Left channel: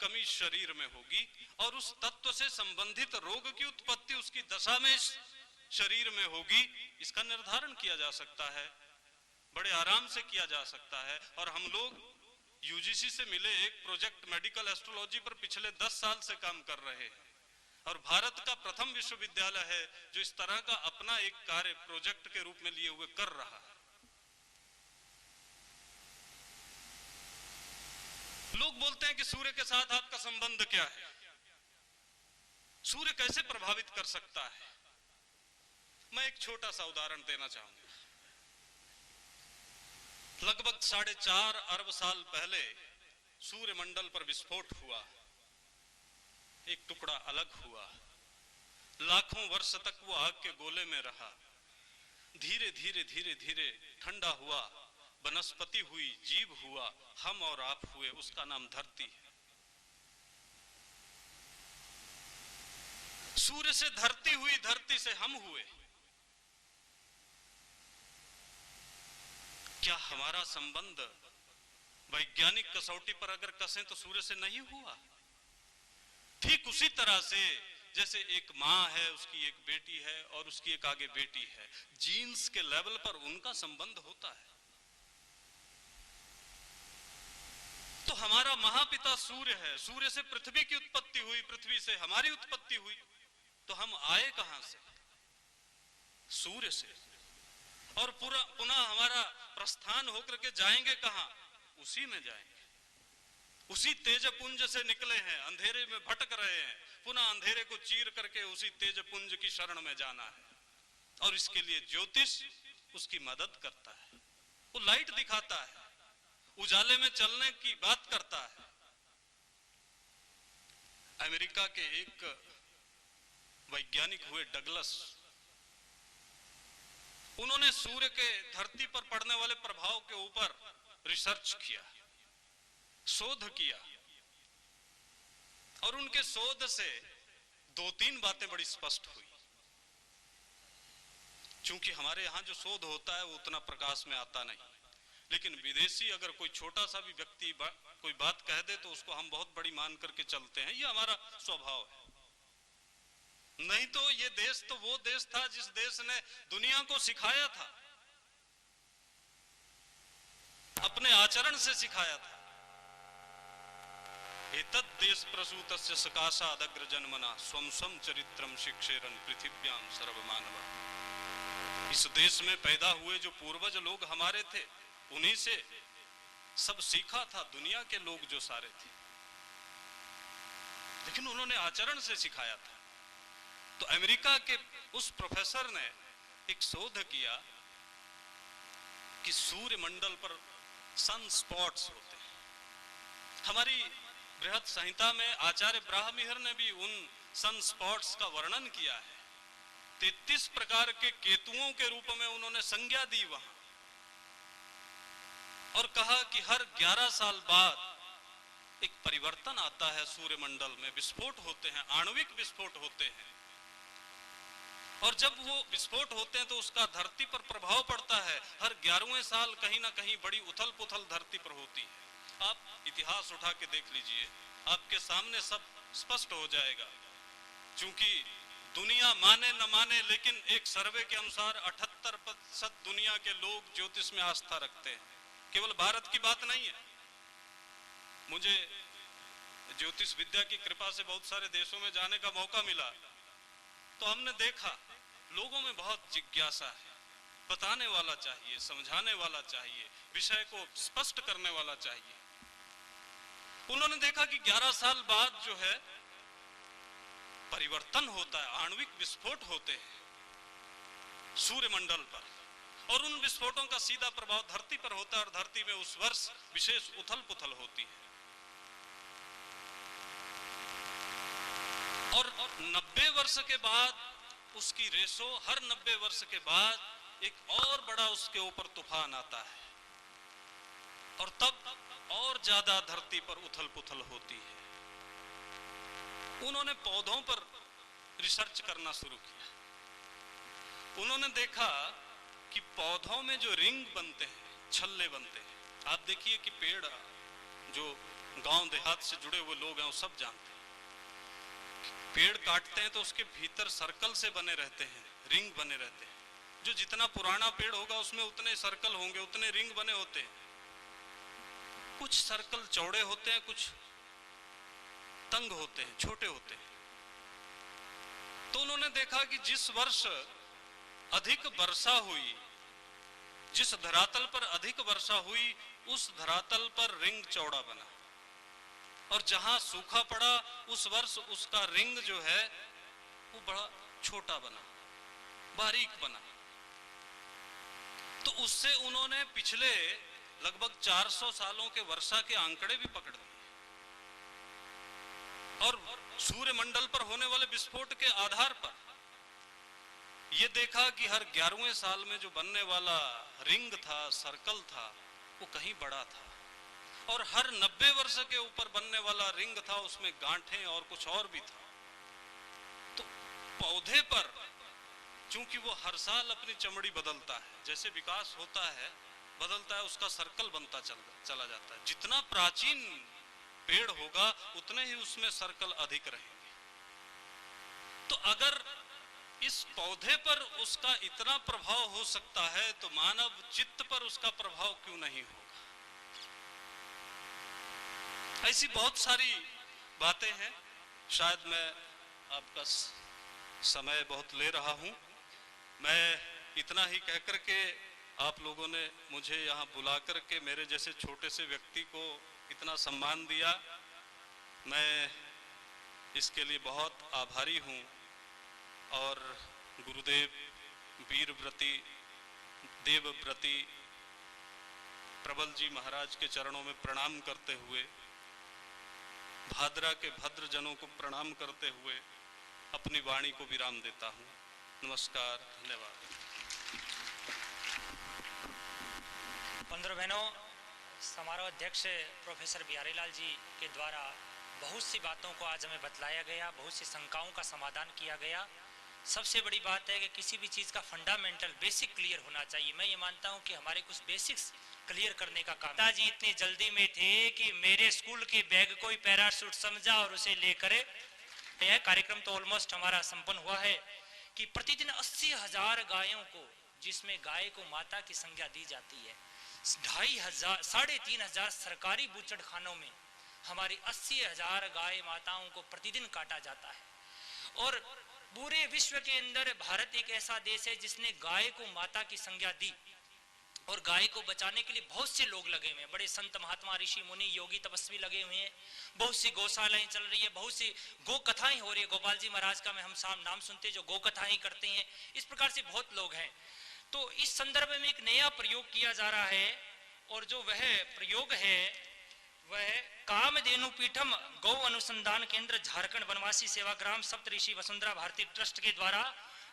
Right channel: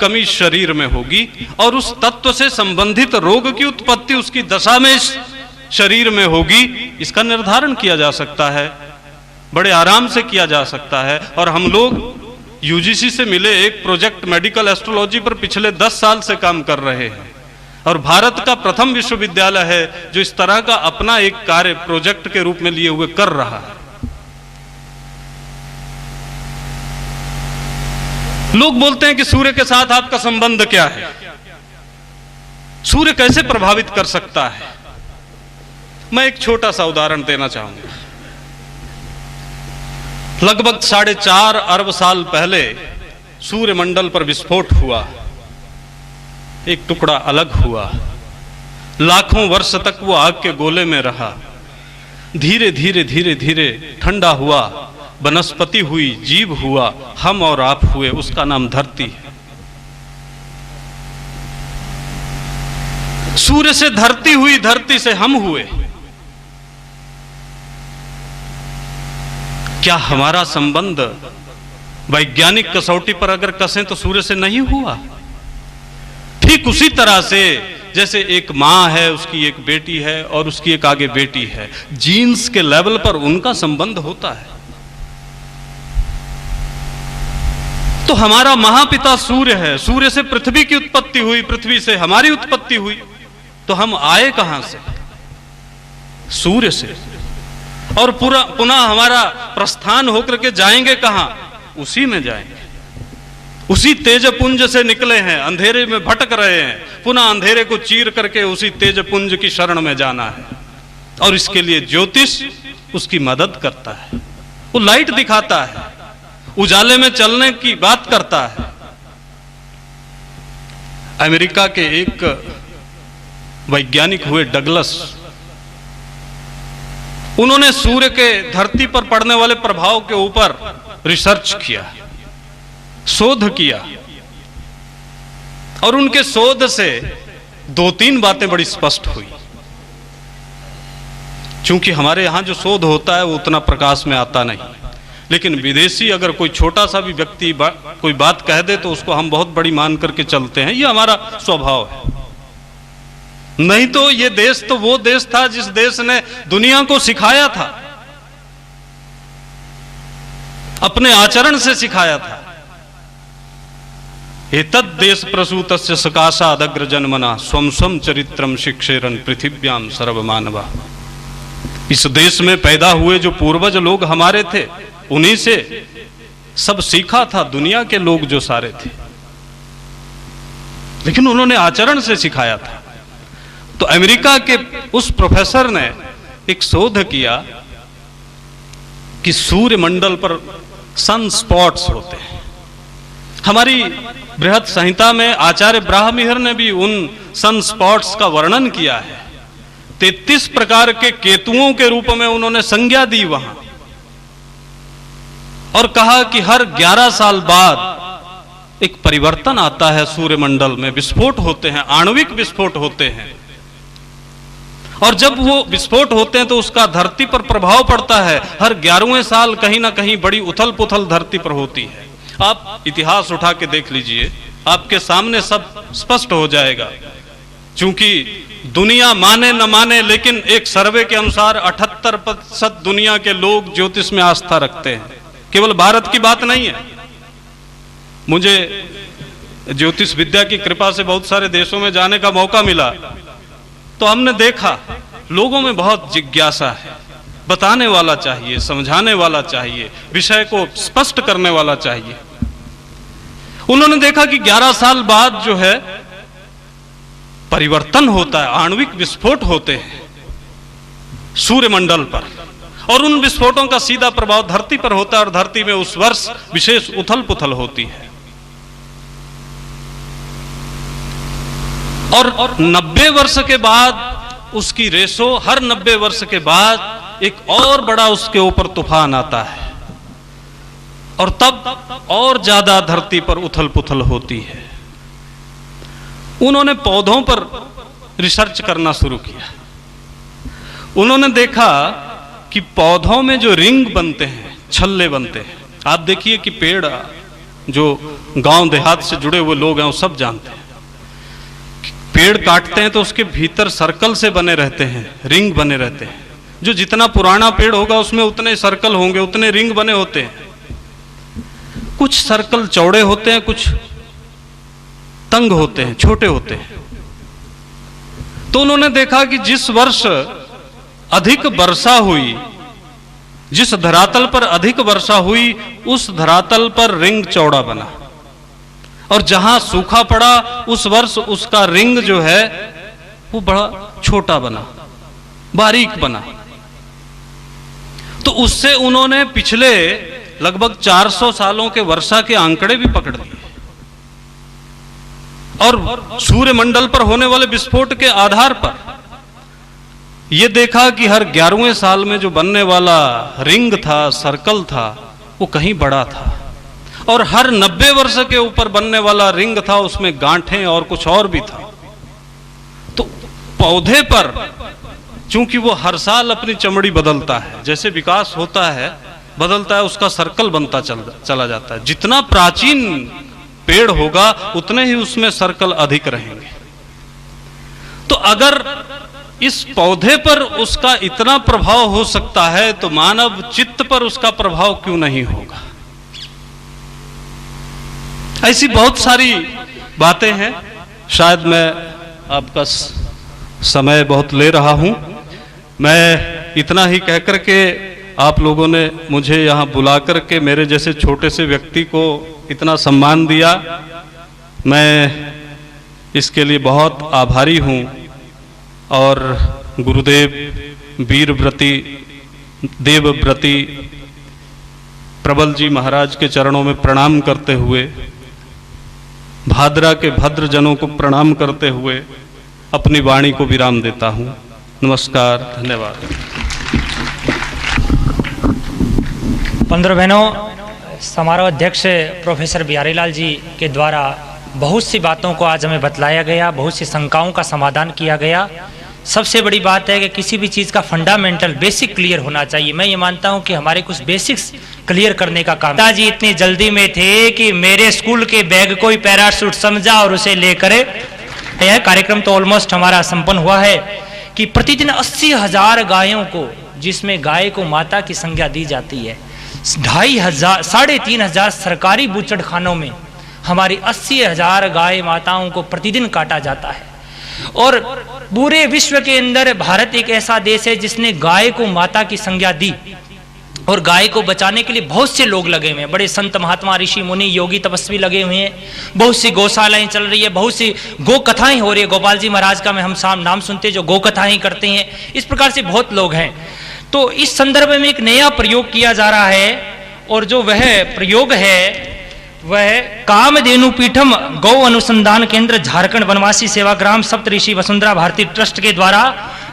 कमी शरीर में होगी और उस तत्व से संबंधित रोग की उत्पत्ति उसकी दशा में शरीर में होगी, इसका निर्धारण किया जा सकता है, बड़े आराम से किया जा सकता है। और हम लोग यूजीसी से मिले एक प्रोजेक्ट मेडिकल एस्ट्रोलॉजी पर पिछले 10 साल से काम कर रहे हैं और भारत का प्रथम विश्वविद्यालय है जो इस तरह का अपना एक कार्य प्रोजेक्ट के रूप में लिए हुए कर रहा है। लोग बोलते हैं कि सूर्य के साथ आपका संबंध क्या है, सूर्य कैसे प्रभावित कर सकता है। मैं एक छोटा सा उदाहरण देना चाहूंगा। लगभग 4.5 अरब साल पहले सूर्यमंडल पर विस्फोट हुआ, एक टुकड़ा अलग हुआ, लाखों वर्ष तक वो आग के गोले में रहा, धीरे धीरे धीरे धीरे ठंडा हुआ, वनस्पति हुई, जीव हुआ, हम और आप हुए, उसका नाम धरती है। सूर्य से धरती हुई, धरती से हम हुए। क्या हमारा संबंध वैज्ञानिक कसौटी पर अगर कसें तो सूर्य से नहीं हुआ? ठीक उसी तरह से जैसे एक मां है, उसकी एक बेटी है और उसकी एक आगे बेटी है, जीन्स के लेवल पर उनका संबंध होता है। तो हमारा महापिता सूर्य है, सूर्य से पृथ्वी की उत्पत्ति हुई, पृथ्वी से हमारी उत्पत्ति हुई, तो हम आए कहां से? सूर्य से। और पुनः हमारा प्रस्थान होकर के जाएंगे कहां? उसी में जाएंगे, उसी तेजपुंज से निकले हैं, अंधेरे में भटक रहे हैं, पुनः अंधेरे को चीर करके उसी तेजपुंज की शरण में जाना है। और इसके लिए ज्योतिष उसकी मदद करता है, वो लाइट दिखाता है, उजाले में चलने की बात करता है। अमेरिका के एक वैज्ञानिक हुए डगलस, उन्होंने सूर्य के धरती पर पड़ने वाले प्रभाव के ऊपर रिसर्च किया, शोध किया, और उनके शोध से 2-3 बातें बड़ी स्पष्ट हुई। क्योंकि हमारे यहां जो शोध होता है वो उतना प्रकाश में आता नहीं, लेकिन विदेशी अगर कोई छोटा सा भी व्यक्ति कोई बात कह दे तो उसको हम बहुत बड़ी मान करके चलते हैं, ये हमारा स्वभाव है। नहीं तो ये देश तो वो देश था जिस देश ने दुनिया को सिखाया था, अपने आचरण से सिखाया था। एतद् देश प्रसूतस्य सकाशाद् अग्र जन्मना स्वं स्वं चरित्रम शिक्षेरन पृथिव्याम सर्वमानवा। इस देश में पैदा हुए जो पूर्वज लोग हमारे थे, उन्हीं से सब सीखा था दुनिया के लोग जो सारे थे, लेकिन उन्होंने आचरण से सिखाया था। तो अमेरिका के उस प्रोफेसर ने एक शोध किया कि सूर्य मंडल पर सन स्पॉट्स होते हैं। हमारी बृहत संहिता में आचार्य ब्राह्मणिहर ने भी उन सन स्पॉट्स का वर्णन किया है। 33 प्रकार के केतुओं के रूप में उन्होंने संज्ञा दी वहां, और कहा कि हर 11 साल बाद एक परिवर्तन आता है सूर्यमंडल में, विस्फोट होते हैं, आणविक विस्फोट होते हैं, और जब वो विस्फोट होते हैं तो उसका धरती पर प्रभाव पड़ता है। हर 11वें साल कहीं ना कहीं बड़ी उथल पुथल धरती पर होती है। आप इतिहास उठा के देख लीजिए, आपके सामने सब स्पष्ट हो जाएगा। क्योंकि दुनिया माने न माने, लेकिन एक सर्वे के अनुसार 78% दुनिया के लोग ज्योतिष में आस्था रखते हैं। केवल भारत की बात नहीं है। मुझे ज्योतिष विद्या की कृपा से बहुत सारे देशों में जाने का मौका मिला, तो हमने देखा लोगों में बहुत जिज्ञासा है, बताने वाला चाहिए, समझाने वाला चाहिए, विषय को स्पष्ट करने वाला चाहिए। उन्होंने देखा कि 11 साल बाद जो है परिवर्तन होता है, आणविक विस्फोट होते हैं सूर्यमंडल पर, और उन विस्फोटों का सीधा प्रभाव धरती पर होता है, और धरती में उस वर्ष विशेष उथल पुथल होती है। और 90 वर्ष के बाद उसकी रेशो, हर 90 वर्ष के बाद एक और बड़ा उसके ऊपर तूफान आता है, और तब और ज्यादा धरती पर उथल पुथल होती है। उन्होंने पौधों पर रिसर्च करना शुरू किया। उन्होंने देखा कि पौधों में जो रिंग बनते हैं, छल्ले बनते हैं। आप देखिए कि पेड़ जो गांव देहात से जुड़े हुए लोग हैं वो सब जानते हैं। पेड़ काटते हैं तो उसके भीतर सर्कल से बने रहते हैं, रिंग बने रहते हैं। जो जितना पुराना पेड़ होगा उसमें उतने सर्कल होंगे, उतने रिंग बने होते हैं। कुछ सर्कल चौड़े होते हैं, कुछ तंग होते हैं, छोटे होते हैं। तो उन्होंने देखा कि जिस वर्ष अधिक वर्षा हुई, जिस धरातल पर अधिक वर्षा हुई, उस धरातल पर रिंग चौड़ा बना, और जहां सूखा पड़ा उस वर्ष उसका रिंग जो है वो बड़ा छोटा बना, बारीक बना। तो उससे उन्होंने पिछले लगभग 400 सालों के वर्षा के आंकड़े भी पकड़ लिए, और सूर्यमंडल पर होने वाले विस्फोट के आधार पर यह देखा कि हर 11वें साल में जो बनने वाला रिंग था, सर्कल था, वो कहीं बड़ा था, और हर 90 वर्ष के ऊपर बनने वाला रिंग था उसमें गांठें और कुछ और भी था। तो पौधे पर चूंकि वो हर साल अपनी चमड़ी बदलता है, जैसे विकास होता है बदलता है, उसका सर्कल बनता चला जाता है। जितना प्राचीन पेड़ होगा उतने ही उसमें सर्कल अधिक रहेंगे। तो अगर इस पौधे पर उसका इतना प्रभाव हो सकता है तो मानव चित्त पर उसका प्रभाव क्यों नहीं होगा। ऐसी बहुत सारी बातें हैं। शायद मैं आपका समय बहुत ले रहा हूं। मैं इतना ही कहकर के, आप लोगों ने मुझे यहाँ बुला करके मेरे जैसे छोटे से व्यक्ति को इतना सम्मान दिया, मैं इसके लिए बहुत आभारी हूँ। और गुरुदेव वीरव्रती देवव्रती प्रबल जी महाराज के चरणों में प्रणाम करते हुए, भादरा के भद्र जनों को प्रणाम करते हुए अपनी वाणी को विराम देता हूँ। नमस्कार, धन्यवाद। 15 बहनों, समारोह अध्यक्ष प्रोफेसर बिहारी लाल जी के द्वारा बहुत सी बातों को आज हमें बतलाया गया, बहुत सी शंकाओं का समाधान किया गया। सबसे बड़ी बात है कि किसी भी चीज़ का फंडामेंटल बेसिक क्लियर होना चाहिए। मैं ये मानता हूँ कि हमारे कुछ बेसिक्स क्लियर करने का काम। पिताजी इतनी जल्दी में थे कि मेरे स्कूल के बैग को ही पैराशूट समझा और उसे लेकर, यह कार्यक्रम तो ऑलमोस्ट हमारा संपन्न हुआ है कि प्रतिदिन 80,000 गायों को, जिसमें गाय को माता की संज्ञा दी जाती है, 2,500 3,500 सरकारी बूचड़ खानों में हमारी 80,000 गाय माताओं को प्रतिदिन काटा जाता है। और पूरे विश्व के अंदर भारत एक ऐसा देश है जिसने गाय को माता की संज्ञा दी, और गाय को बचाने के लिए बहुत से लोग लगे हुए हैं। बड़े संत महात्मा ऋषि मुनि योगी तपस्वी लगे हुए हैं। बहुत सी गौशालाएं चल रही है, बहुत सी गो कथाएं हो रही है। गोपाल जी महाराज का हम नाम सुनते हैं जो गो कथाएं करते हैं। इस प्रकार से बहुत लोग हैं। तो इस संदर्भ में एक नया प्रयोग किया जा रहा है, और जो वह प्रयोग है वह कामधेनु पीठम गौ अनुसंधान केंद्र झारखंड वनवासी सेवाग्राम सप्तऋषि वसुंधरा भारती ट्रस्ट के द्वारा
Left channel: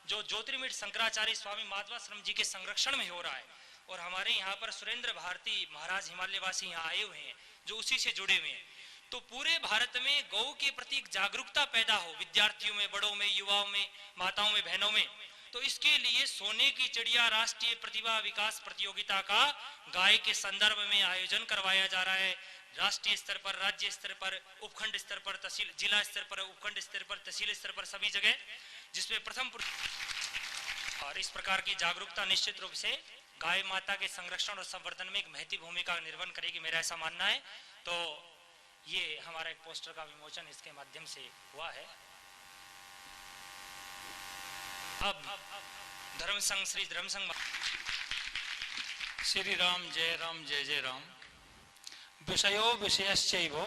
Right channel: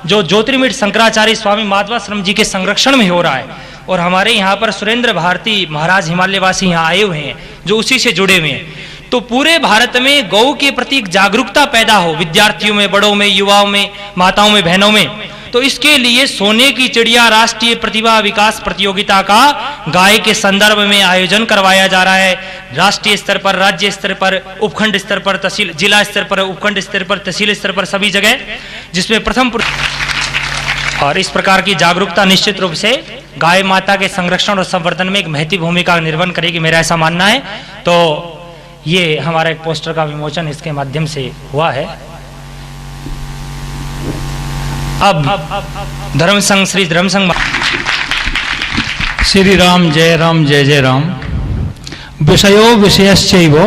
जो ज्योतिर्मठ शंकराचार्य स्वामी माधवाश्रम जी के संरक्षण में हो रहा है। और हमारे यहाँ पर सुरेंद्र भारती महाराज हिमालयवासी यहाँ आए हुए हैं जो उसी से जुड़े हुए हैं। तो पूरे भारत में गौ के प्रति जागरूकता पैदा हो, विद्यार्थियों में, बड़ों में, युवाओं में, माताओं में, बहनों में। तो इसके लिए सोने की चिड़िया राष्ट्रीय प्रतिभा विकास प्रतियोगिता का गाय के संदर्भ में आयोजन करवाया जा रहा है। राष्ट्रीय स्तर पर, राज्य स्तर पर, उपखंड स्तर पर, तहसील, जिला स्तर पर, उपखंड स्तर पर, तहसील स्तर पर, सभी जगह, जिसमें प्रथम। और इस प्रकार की जागरूकता निश्चित रूप से गाय माता के संरक्षण और संवर्धन में एक महत्वपूर्ण भूमिका निर्वहन करेगी, मेरा ऐसा मानना है। तो ये हमारा एक पोस्टर का विमोचन इसके माध्यम से हुआ है। अब धर्म संघ श्री धर्म संघ। श्री राम जय राम जय जय राम। विषयो विषयश्चैव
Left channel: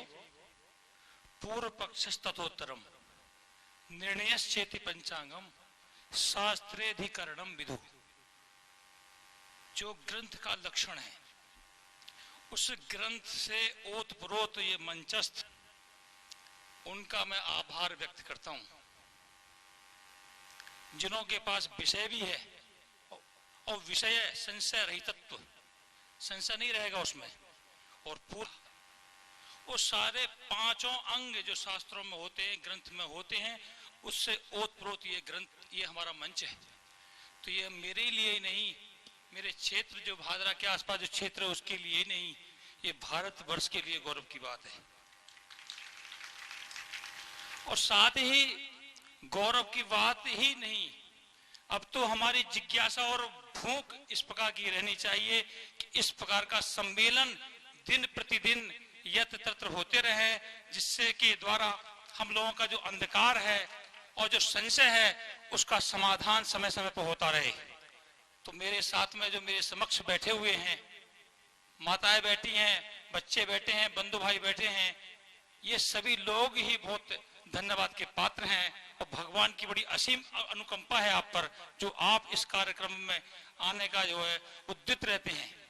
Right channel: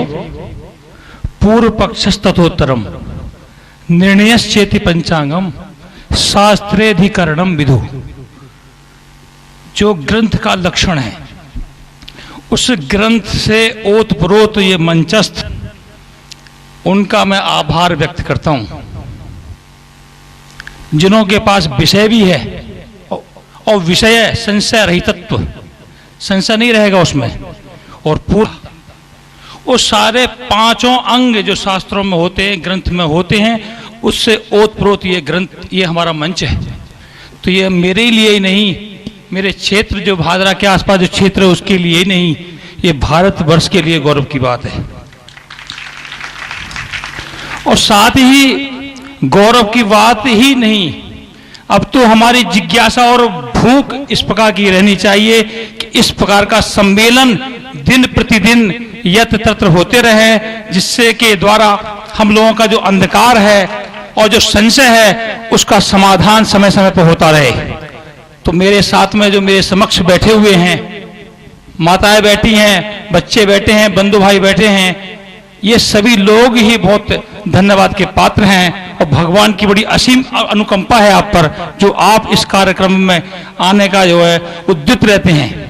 पूर्व पक्षस्ततोत्तरम निर्णयश्चेति पंचांगम शास्त्रेधिकरणम विदु। जो ग्रंथ का लक्षण है उस ग्रंथ से ओतप्रोत ये मंचस्थ, उनका मैं आभार व्यक्त करता हूं, जिन्हों के पास विषय भी है और विषय संशय रहितत्व, संशय नहीं रहेगा उसमें, और पूरा उस सारे पांचों अंग जो शास्त्रों में होते हैं, ग्रंथ में होते हैं, उससे ओतप्रोत ये ग्रंथ, ये हमारा मंच है। तो ये मेरे लिए ही नहीं, मेरे क्षेत्र जो भादरा के आसपास जो क्षेत्र है उसके लिए ही नहीं, ये भारतवर्ष के लिए गौरव की बात है। और साथ ही गौरव की बात ही नहीं, अब तो हमारी जिज्ञासा और भूख इस प्रकार की रहनी चाहिए कि इस प्रकार का सम्मेलन दिन प्रतिदिन यत्र तत्र होते रहे, जिससे के द्वारा हम लोगों का जो अंधकार है और जो संशय है उसका समाधान समय समय पर होता रहे। तो मेरे साथ में जो मेरे समक्ष बैठे हुए हैं, माताएं बैठी हैं, बच्चे बैठे हैं, बंधु भाई बैठे हैं, ये सभी लोग ही बहुत धन्यवाद के पात्र हैं और भगवान की बड़ी असीम अनुकंपा है आप पर, जो आप इस कार्यक्रम में आने का जो है उद्युक्त रहते हैं।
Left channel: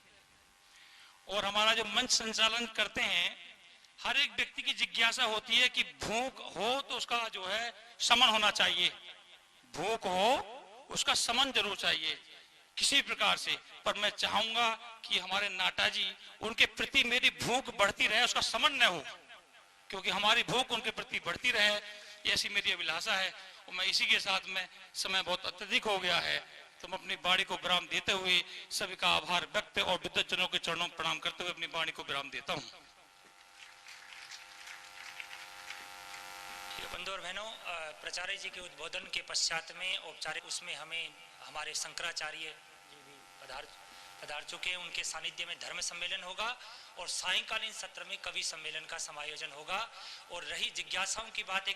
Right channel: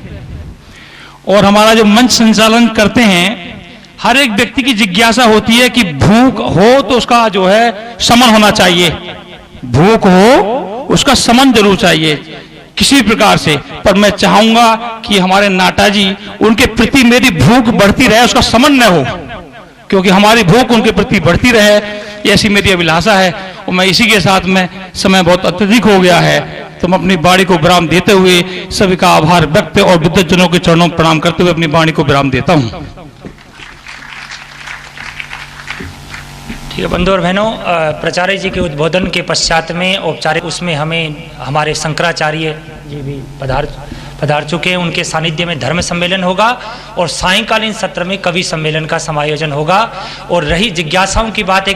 और हमारा जो मंच संचालन करते हैं, हर एक व्यक्ति की जिज्ञासा होती है कि भूख हो तो उसका जो है शमन होना चाहिए, भूख हो उसका शमन जरूर चाहिए किसी प्रकार से। पर मैं चाहूंगा कि हमारे नाटा जी, उनके प्रति मेरी भूख बढ़ती रहे, उसका शमन न हो, क्योंकि हमारी भूख उनके प्रति बढ़ती रहे, ऐसी मेरी अभिलाषा है। और मैं इसी के साथ में, समय बहुत अत्यधिक हो गया है, तो मैं अपनी वाणी को विराम देते हुए सभी का आभार व्यक्त और बुद्धजनों के चरणों में प्रणाम करते हुए अपनी वाणी को विराम देता हूं। ठीक है बंधु और बहनों, प्राचार्य जी के उद्बोधन के पश्चात में औपचारिक उसमें हमें हमारे शंकराचार्य जी भी पधार चुके हैं, उनके सानिध्य में धर्म सम्मेलन होगा और सायंकालीन सत्र में कवि सम्मेलन का समायोजन होगा। और रही जिज्ञासाओं की बात,